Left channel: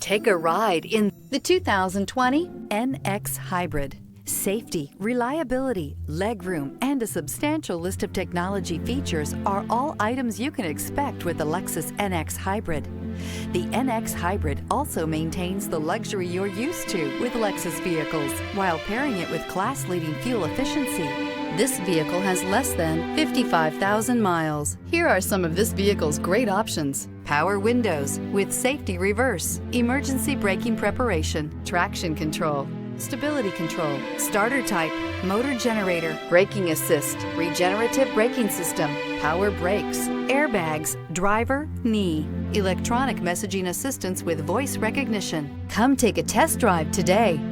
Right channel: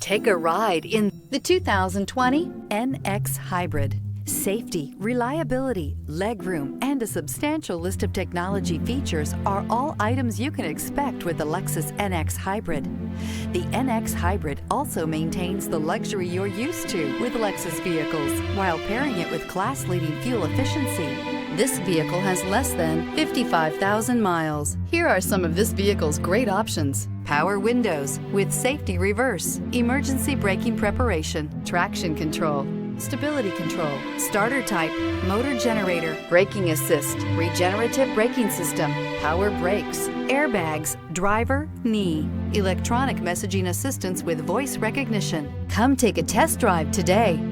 Take a ride in the 2020 NX Hybrid. Safety, reliability, legroom, and a substantial list of technology features are all items you can expect with the Lexus NX Hybrid. The NX Hybrid also maintains the luxury you're used to with Lexus vehicles while pairing it with class-leading fuel efficiency. This vehicle has less than 55,000 miles. Here are some of this vehicle's great options: power windows with safety reverse, emergency braking preparation, traction control, stability control, starter type, motor generator, braking assist, regenerative braking system, power brakes, airbags, driver, knee, electronic messaging assistance with voice recognition. Come take a test drive today.